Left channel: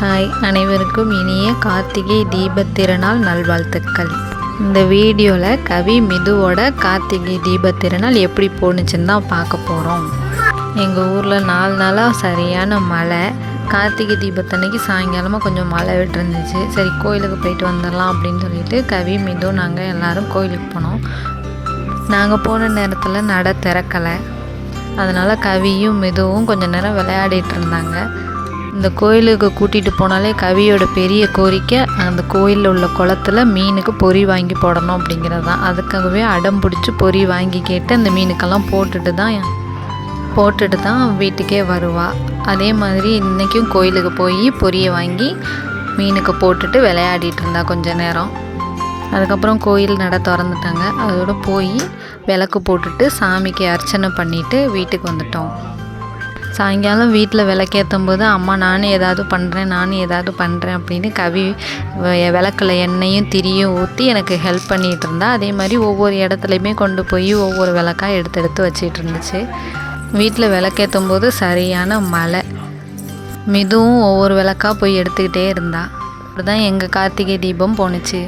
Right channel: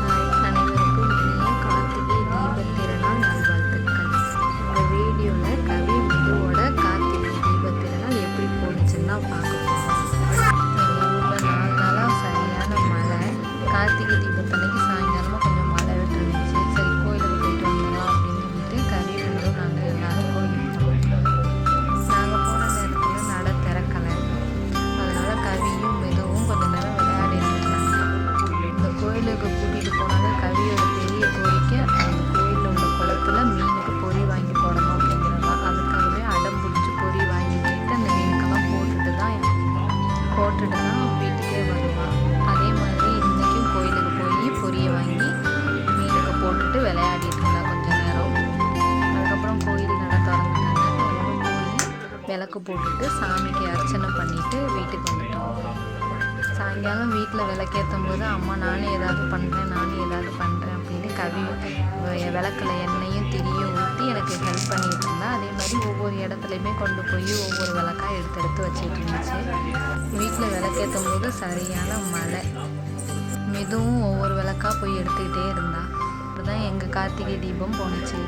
Hi, அனைவருக்கும் இனிய கார்த்திகை தீபத் திருநாள் நல்வாழ்த்துக்கள். இந்த வீடியோவில் கவி மிதுவோட கார்த்திகை தீபத் திருநாள் எப்படி போணுச்சுன்னு தான் பார்க்க போகிறோம். எங்கள் ஊரில் 4 நாளாக சரியான மழை. கார்த்திகை தீபத்தன்னைக்கு சாயங்காலமாக கொஞ்சம் மழை விட்டு இருந்துச்சு. சரி, கோயிலுக்கு போயிட்டு வந்துடலாம் அப்படின்னு சொல்லிட்டு கவி மிது நாங்கள் எல்லோரும் கோயிலுக்கு போனோம். நாங்கள் போன நேரத்தில் நட திறக்கலை. அதனால் கவியும் மிதுவும் கொஞ்சம் நேரம் விளையாடிட்டு இருந்தாங்க. இந்த கோயிலுக்கு கூட்டிகிட்டு போனாலே கவியோட பெரிய கோரிக்கை அந்த கோயிலில் உள்ள குளத்துல மீனுக்கு பொறி வாங்கி போடணும் அப்படிங்கிறது தான். அதுக்காகவே அடம் பிடிச்சி பொறி வாங்கி கேட்டு அந்த மீனுக்கெல்லாம் போட்டுட்டு தான் வீட்டுக்கே வருவாள். அதே மாதிரி இன்றைக்கும் கோயிலுக்கு போய் பொரியை வாங்கி மீனுக்கு போட்டுட்டு விளையாடிட்டு இருந்தா கொஞ்ச நேரம். அதுக்கப்புறம் கோயில் நட திறந்துட்டாங்க. அதோட போய் விளக்கு போட்டுட்டு சாமிக்கு அர்ச்சனை பண்ணிவிட்டு வீட்டுக்கு வந்துட்டோம். சாயங்காலம் வீட்டில் விளக்கேற்றும் போது அம்மா நானும் ஏதாவது பண்ணுறேன் அப்படின்னு கவி விளக்கில் எண்ணெயும் திரியும் ஊற்றி எனக்கு ஹெல்ப் பண்ணிகிட்டு இருந்தா. அதே மாதிரி ஒவ்வொரு இடத்துலையுமே கொண்டு போய் ஒவ்வொரு விளக்காக எடுத்து வச்சிட்டு இருந்துச்சு. வீட்டில் விளக்கேற்றும் போது சரியான மழை. மிதுவும் ஒவ்வொரு விளக்காக போய் எடுத்துக்கிட்டே இருந்தா. அப்படிதான் எங்கள் கார்த்திகை தீபம் போணுச்சு.